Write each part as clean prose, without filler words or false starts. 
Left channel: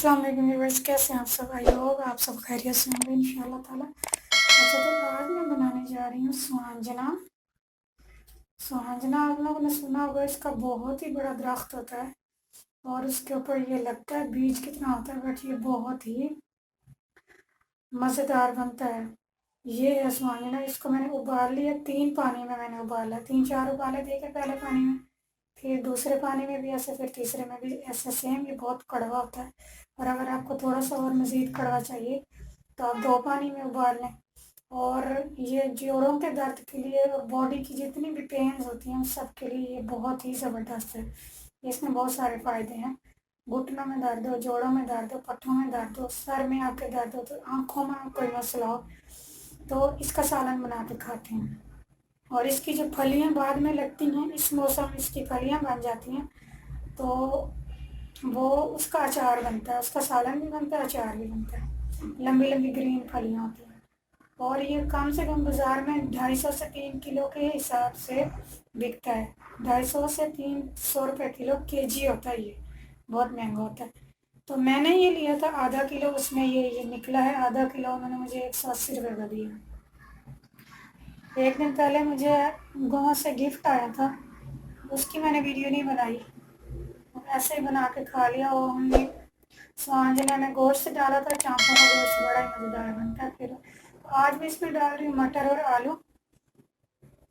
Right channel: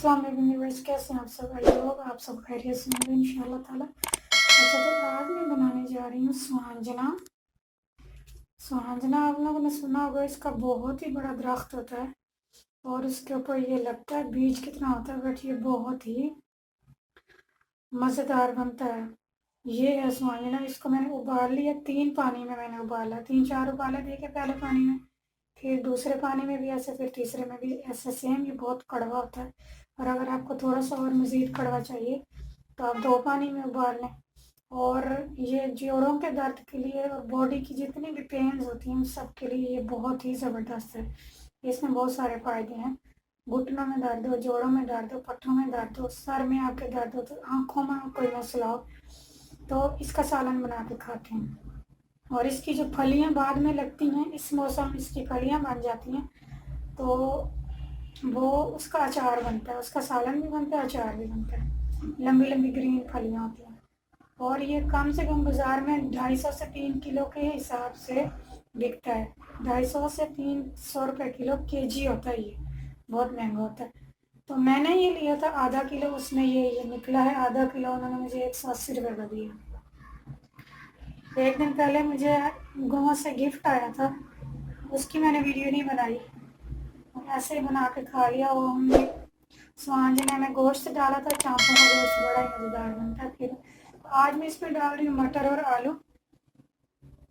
अस्सलाम वालेकुम व्यूअर्स, कैसे हैं आप सब? आई होप आप सब खैरियत से होंगे इंशाल्लाह ताला। अच्छा, तो आज मैं बनाने जा रही हूँ सुहांजना। सुहांजना आप लोगों ने सुना होगा, इसका बहुत ही बड़ा दरख्त होता है और उसके ऊपर ये लगता है बीज कितना होता है, बट ये बहुत ही मज़ेदार बनता है। ये है सुहांजना। इसको मैंने उबाल लिया, 3 पानी में मैंने उबाला, 3-4 उबाले दे के पहले पानी में, फिर दूसरे पानी में भी ऐसे, फिर तीसरे में भी ऐसे सेम। ये बहुत कड़वा होता है और अगर आपको थोड़ा सा और मज़ीद कड़वा चाहिए तो आप 2 पानी में उबाल लें। और ये जोड़ों के दर्द के लिए और बॉडी की जितनी भी पेन्स होती हैं उन सब के लिए ये बहुत ही ज़बरदस्त है। इसमें बहुत सारे फ़ायदे हैं। घुटनों में दर्द हो, जोड़ों में दर्द हो, पट्टों में दर्द हो, सर में आपके दर्द हो, तो आँखों में कोई मसला हो तो इसका सालन बना के खाते हैं। और इसकी जो फलियाँ बाद में लगती हैं, इस मौसम इसकी फलियाँ बन जाती हैं तो वो उसका अचार बनता है, उसका सालन भी बनता है, अचार भी बनता है। लंबी लंबी ग्रीन फलियाँ होती हैं और ये कम से कम बाज़ार में 250 से 3 किलो के हिसाब से बिकता है। 250 से 300 रुपये किलो केजी होता है। ये बहुत महंगा होता है। तो मैंने ये लिया था आधा किलो, उसमें ये निकला है आधा किलो। उन्होंने मुझे 180 रुपये का दिया। एक दिन पहले मुझे गाँव से गिफ्ट आया था, उसकी मैंने वीडियो नहीं बनाई, ऐसे ही बना के खा लिया। वो हमने स्वांजने में गोश्त डाला था, चाँपों का गोश्त बड़ा ही मज़ेदार बनता है। फिर आज मैं इसमें डाल रही हूँ मटर और आलू।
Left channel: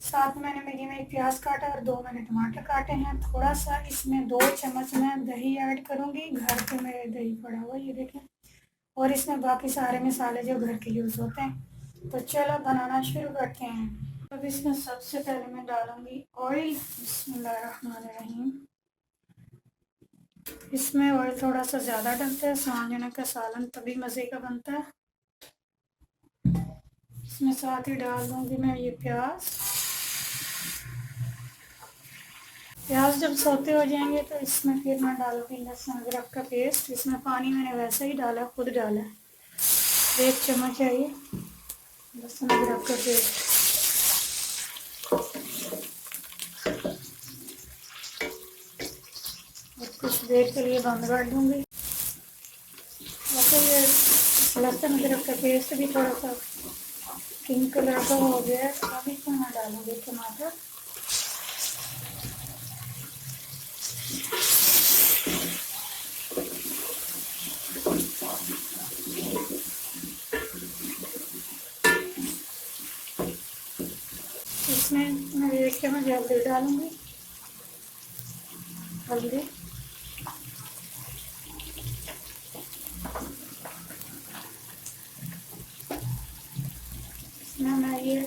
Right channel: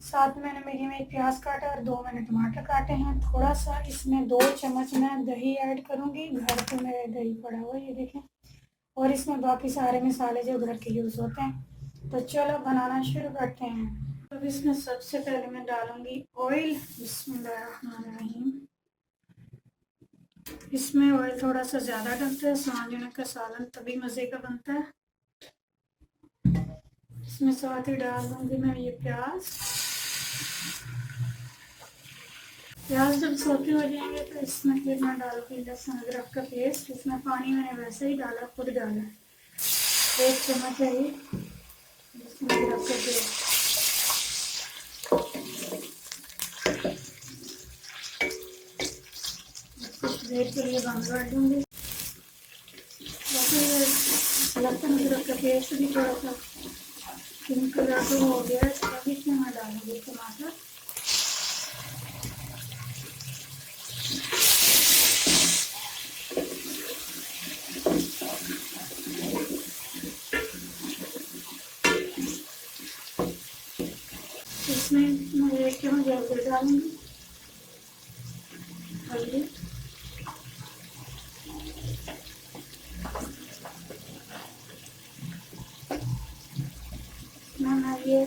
साथ में मैंने मीडियम में 1 प्याज काटा और 2 मैंने टमाटर काटे हैं। थोड़ा सा इसमें 2 चम्मच मैं दही ऐड करूँगी, घर पे मेरे दही पड़ा हुआ ये देखें। और इसमें बाकी सारे मसाले जो घर के यूज़ होते हैं। तो चलो बनाना शुरू करते हैं। अब इसमें सबसे पहले मैं डालूँगी ऑयल। बिस्मिल्लाहिर्रहमानिर्रहीम। इसमें ऑयल थोड़ा सा ज़्यादा डलता है, सुहांजना का सालन तभी मज़े का बनता है। इसमें साथ ही डाल दूँगी मैं ये प्याज। प्याज जब सोते हो जाएंगे तो इसमें फिर मैं डालूँगी लहसुन अदरक का पेस्ट। इसमें पानी मैंने वैसे ही डाला, खुद डाला है। 1 चम्मच है ये लहसुन अदरक का पेस्ट। कुछ देर के लिए बंद कर दूँगी। ये लहसुन अदरक का पेस्ट भी थोड़ा सा पिंक कलर का हो गया है, अभी इसमें मैं डालूँगी टमाटर। इसमें मैं 1 चम्मच हल्दी डालूँगी, हल्दी। इसमें मैं ये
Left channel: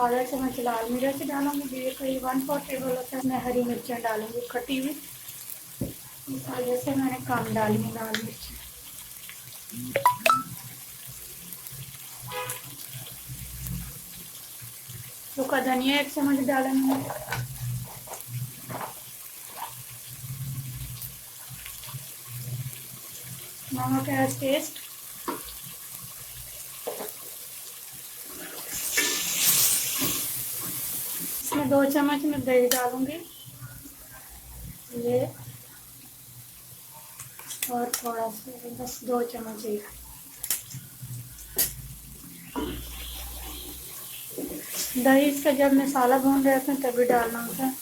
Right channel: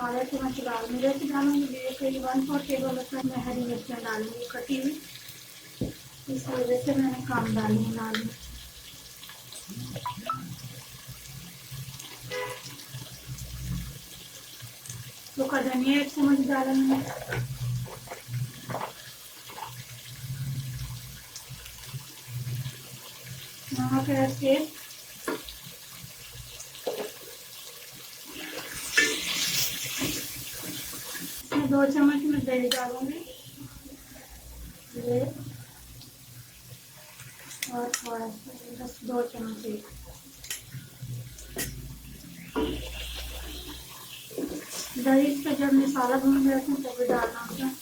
आधा चम्मच लाल मिर्च डालूँगी, ये करीब 1/4 टेबल होता है। मैं हरी मिर्चें डालूँगी कटी हुई, इस वजह से मैंने कम डाली है लाल मिर्च। सूखा धनिया 1 चम्मच डालूँगी। नमक एज टेस्ट। इसमें 2 चम्मच मैं दही डालूँगी, ये और थोड़ा सा, बस 2 चम्मच ही। दही इसका जब मसाला भून जाता है तभी डालना होता है।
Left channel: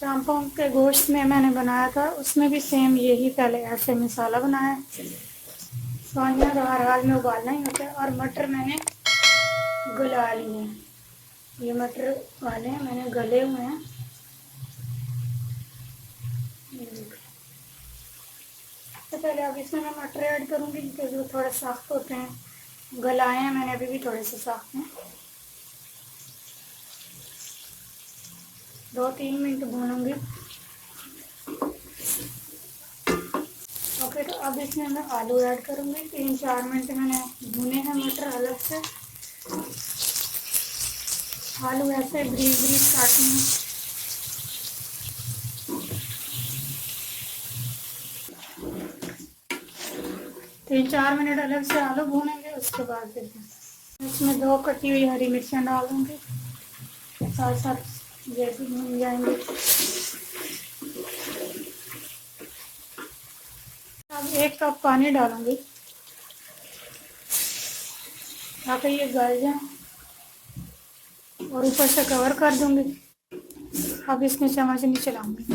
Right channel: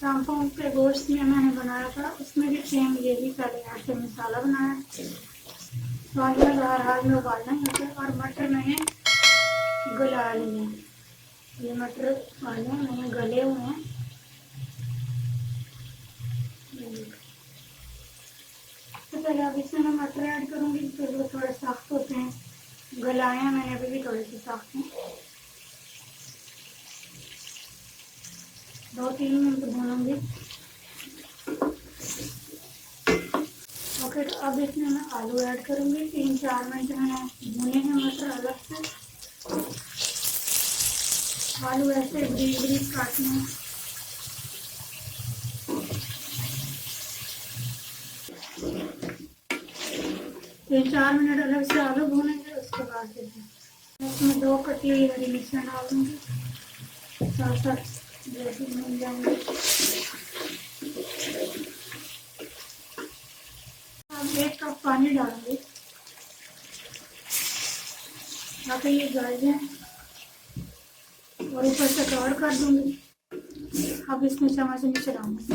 चांपों के गोश्त में मैंने बनाया था, उसमें भी सेम यही पहले ऐसे मसाला बनाया। स्वाद में हर हाल में उबालना ही होता है। और मटर मैंने गला लिए, ये मटर वाले मैंने गले हुए हैं। तो पहले अब इसमें मैं मटर ऐड करूँगी क्योंकि वो थोड़े सख्त होते हैं। गलाए हैं मैंने, अभी भी थोड़े से सख्त हैं। 2-3 मिनट भूनूंगी। और फिर अब इसमें मैं आलू ऐड करूँगी। 3-4 मिनट मैंने भुने हैं मटर अलग से। आलू ऐसे ब्रीज ब्रीज काटनी है। तीन 4 मिनट अलग से आलू भूनेंगे, उसके बाद फिर इसमें 2 कटी हुई हरी मिर्चियाँ डाल दूँगी, साथ साथ जैसे भून जाएंगे। 1 कप पानी डालूंगी ताकि ये गल जाए और ऊपर से कवर कर दूंगी। अब इसमें चम्मच नहीं चलाऊंगी,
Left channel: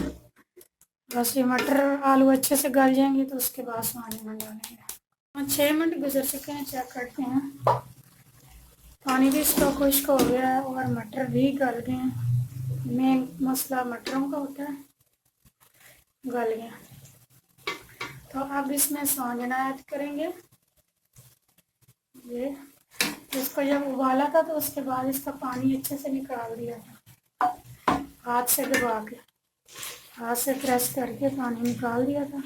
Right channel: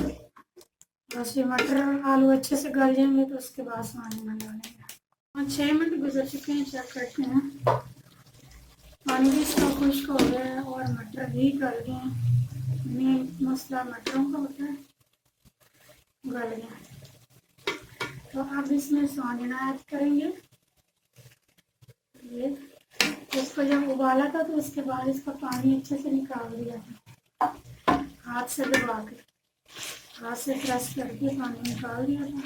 बस ये मटर आलू अच्छे से गल जाएंगे तो उसके बाद पानी में डालेंगे। 6 मिनट गुजर चुके हैं, चेक करते हैं। पानी भी इसका खुश्क हो गया है और मटर भी गल गए हैं। मेन मसला मटरों का होता है, गल गया। तो अब इसमें स्वांजना ऐड करेंगे। ये इसका जब उबाला था तो उसके बाद इसका पानी अच्छे से निकाल दिया था, हाथ से दबा के, हाथ से प्रेस करके पानी निकाल दिया था।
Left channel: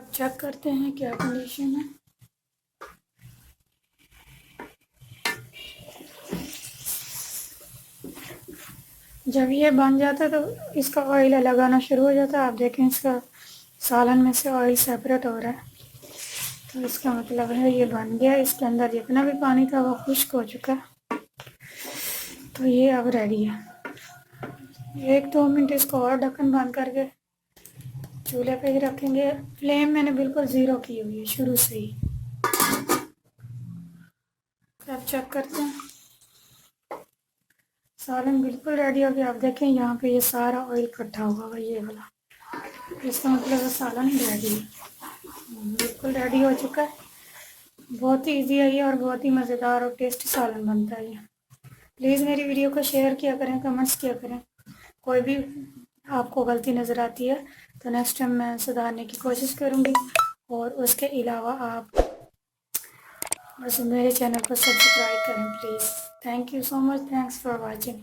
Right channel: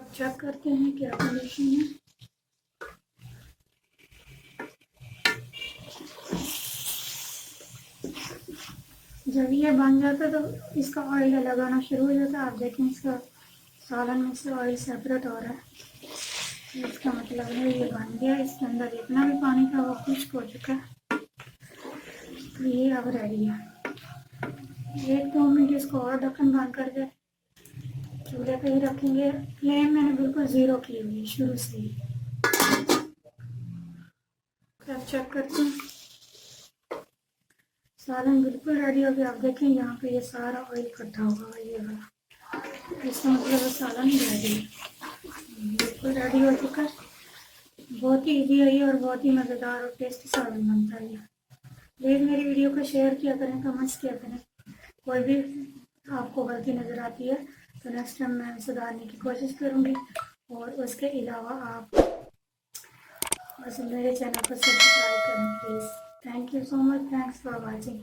चेक करते हैं क्या कंडीशन है। जब ये बन जाता है तो इसका ऑयल अलग आना शुरू हो जाता है। आप देखें इसका सालन में से ऑयल सेपरेट हो रहा है, तो इसका मतलब है ये बन गया। इसके अंदर जितना भी पानी था वो खुश्क हो चुका है, तो ये अब रेडी है। 1-2 मिनट इसको और ढक्कन बंद करके चूल्हे पे ही रखेंगे। फ्लेम मैंने बिल्कुल ज़ीरो की हुई है शुरू से ही। अब चेक करते हैं, सालन बिल्कुल रेडी हो गया। आप देखें यहाँ पे ये सारा ऑयल इकट्ठा होगा, ये वाला, इसका मतलब सालन रेडी बिल्कुल रेडी हो चुका है। बहुत ही ईजी है ये और बहुत ही मज़ेदार और टेस्टी सालन बनता है ये। प्लीज़ मेरी वीडियो को शेयर किया करें, कमेंट्स किया करें। कोई भी आपको गलती नज़र आती है तो नेक्स्ट टाइम मैं सुधारने की कोशिश करूँगी। और उसके अलावा आप बस मेरे चैनल को सब्सक्राइब करें please. Thank you so much, thanks for watching.